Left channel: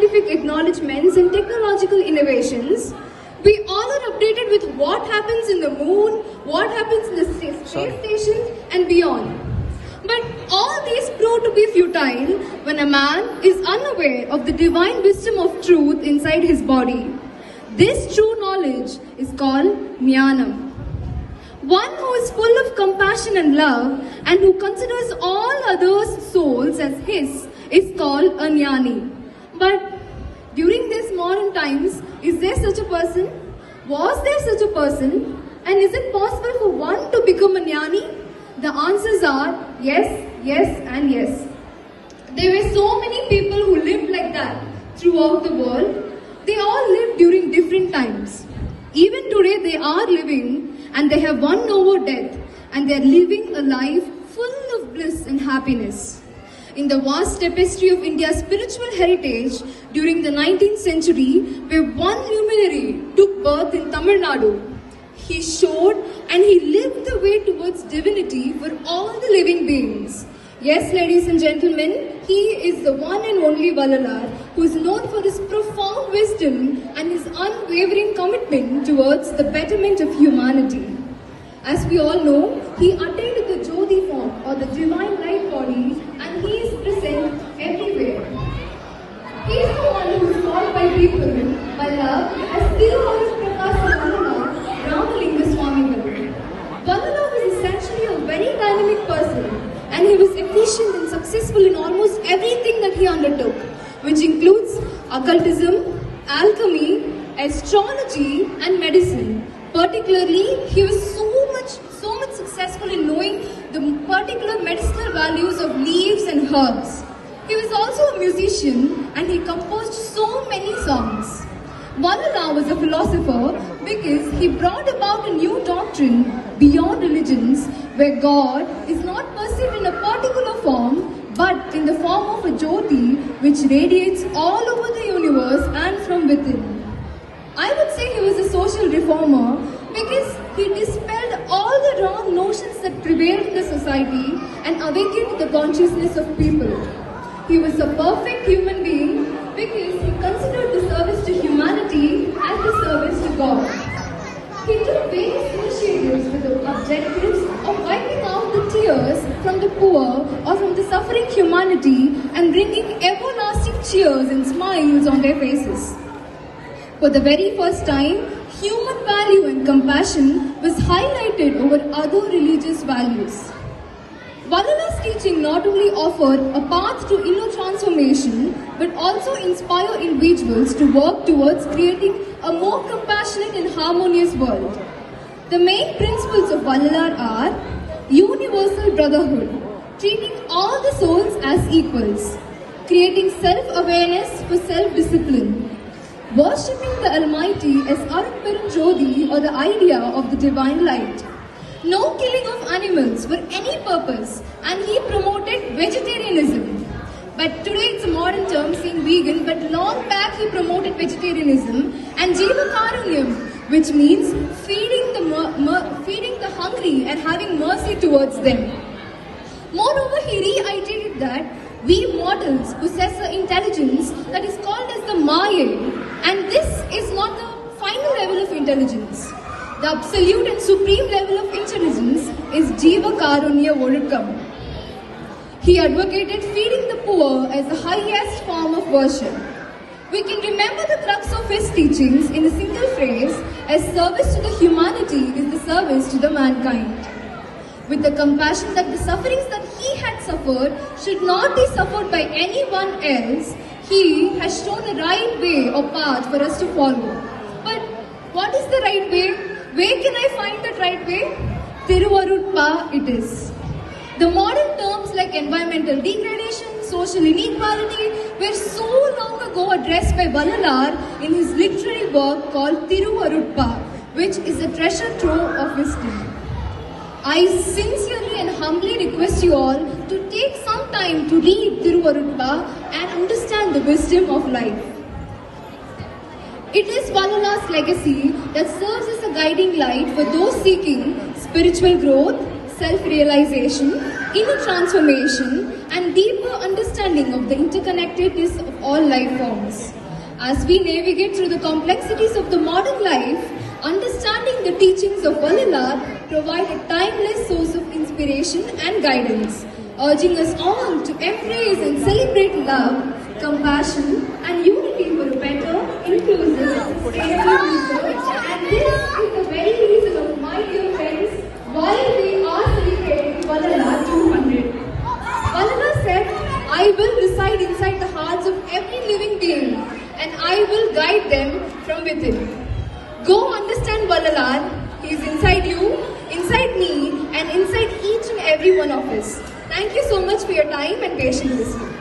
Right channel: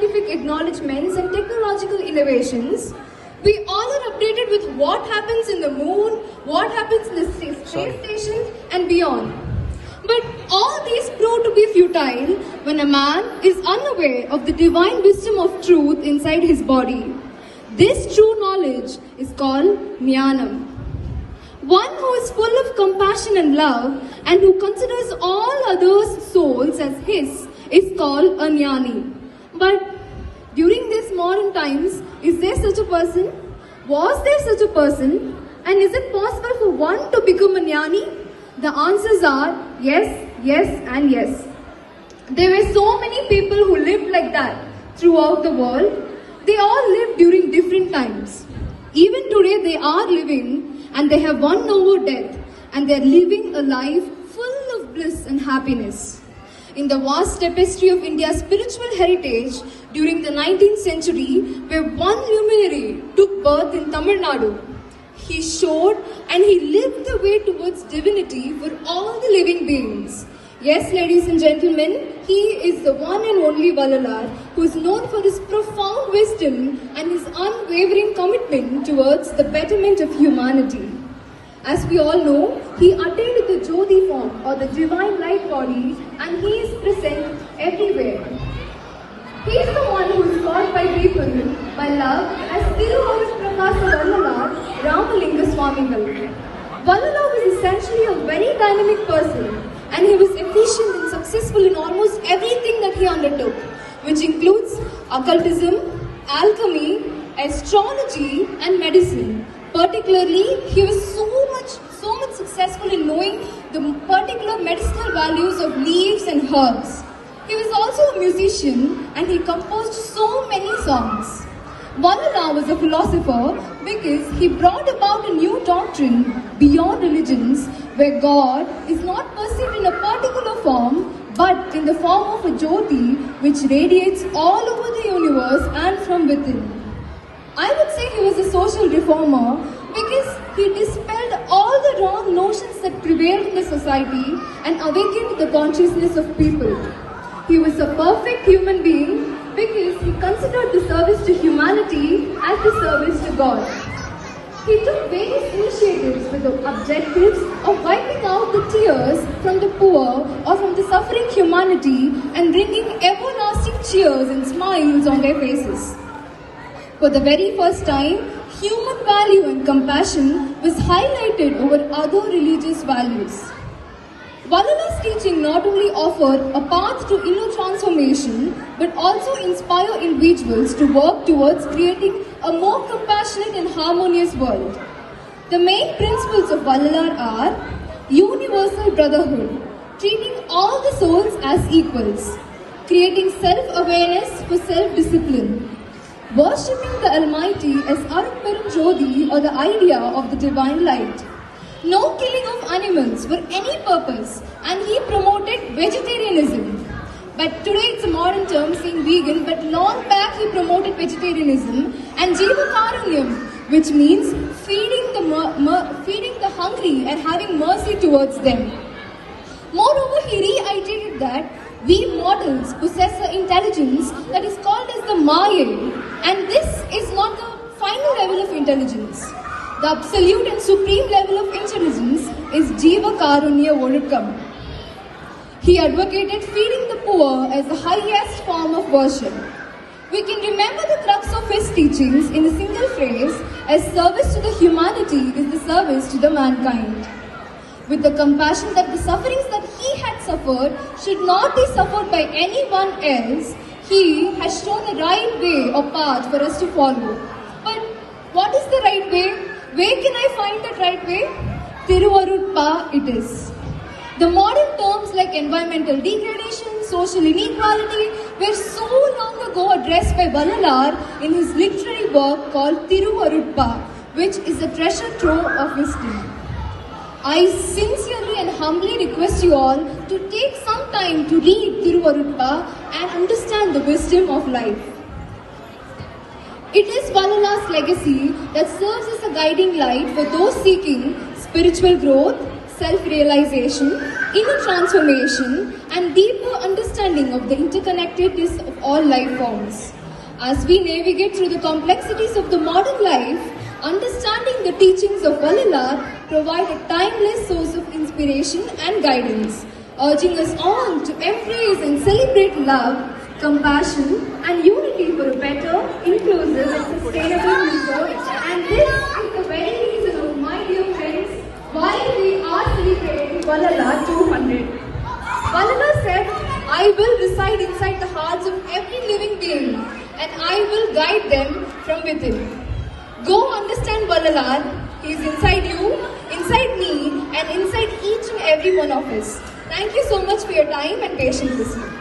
scientific acknowledgements and technological innovations, we all are updated with what happens in the moon, what happens in the space station and beyond. But all these prove to be futile when a man is unaware of the divine wisdom of truth inside his body. This true knowledge is called Jnanam. One who is full of compassion and love and who considers all others' souls as his is called a Jnani. But during these modern times, is there such a person? Was there such a person? And is it possible for one to become a Jnani? The answers are yes, yes and yes. There were so many people who lived like that throughout the world. They all lived during different times. Even today they are living and they have won over death and they are living a life full of bliss and happiness. In the vast tapestry of India's spiritual heritage during the 19th century, where one luminary took birth in Tamil Nadu. He showed and he lived the way towards divinity for all the living beings. Yes, ladies and gentlemen, he is the one and only Vallalar, who is known for his profound wisdom and his unwavering commitment towards the betterment of humanity. As we all know, he attained the Jyoti form or the divine light body, and he is present everywhere. He is the one who is called by people by love as Vallalar, Ramalinga Swamigal. Vallalar was essentially a very dynamic person, and he was efficient and successful in almost everything that he undertook, which includes occultism, alchemy, astrology and medicine. Particularly, he was so much successful in knowing the particular medicinal values of leaves and herbs. He was also a musician and he composed so many songs. Vallalar was a philosopher because he brought about a new doctrine beyond religions where God is not perceived in a particular form but in the form of a Jyoti which radiates all over the universe and from within. I would say he was a social reformer because he dispelled all the wrong notions that prevailed in the society and awakened the consciousness of people. He was a perfect human being because he considered the service to humanity as the service to God. He took various initiatives with the objectives of wiping out the tears from the poor or from the suffering humanity and bringing everlasting cheers and smiles on their faces. For the very first time, human value and compassion was highlighted over other religious values. Vallalar's teaching not only offered a path to inner transformation, but also inspire individuals to work towards creating a more compassionate and harmonious world. The main principles of Vallalar are universal brotherhood, treating all the souls as equals, creating self-awareness for self-discipline, worshipping the Almighty as Arupperum Jyoti or the idea of the divine light. No killing of animals for any purpose, and he promoted vegetarianism. But today it's a modern term saying vegan, but long back he promoted vegetarianism and Jiva Karunyam, which means feeding the hungry and having mercy towards them. Moreover, he reiterated that we mortals possess an intelligence that is called as the Maya, and this is not the final level of intelligence. The absolute and supreme level of intelligence is Jiva Karunya Olukkam. He advocated feeding the poor as the highest form of worship. We can remember the crux of his teachings in a single phrase as service to the humanity is the service to the mankind. With the compassion that the sufferings that he had suffered should not be suffered by anyone else, he has shown a right way or path for us to follow. But what is the right way? Where can I find that right way? Tiruvarutpa it is. The modern terms like environmental degradation, social inequality were so long ago addressed by Vallalar in his literary work called Tiruvarutpa, which is a treasure trove of wisdom. I sincerely and humbly request you all to take some time to read Tiruvarutpa and understand the wisdom of life. It is Vallalar's legacy that serves as a guiding light for those seeking spiritual growth, self-realization, inner transformation, and deeper understanding of the interconnectedness of all life forms. As we navigate through the complexities of the modern life, understanding the teachings of Vallalar provide a timeless source of inspiration and guidance, urging us on to embrace and celebrate love, compassion, and unity for a better, inclusive, and sustainable future. And this is the very reason, my dear friends, why we are celebrating Vallalar 200. Vallalar said, I will reside inside the hearts of every living being, and I will guide them from within. Go understand Vallalar. He is inside you, inside me, and inside each and every one of us. Thank you so much for your time and patience this year.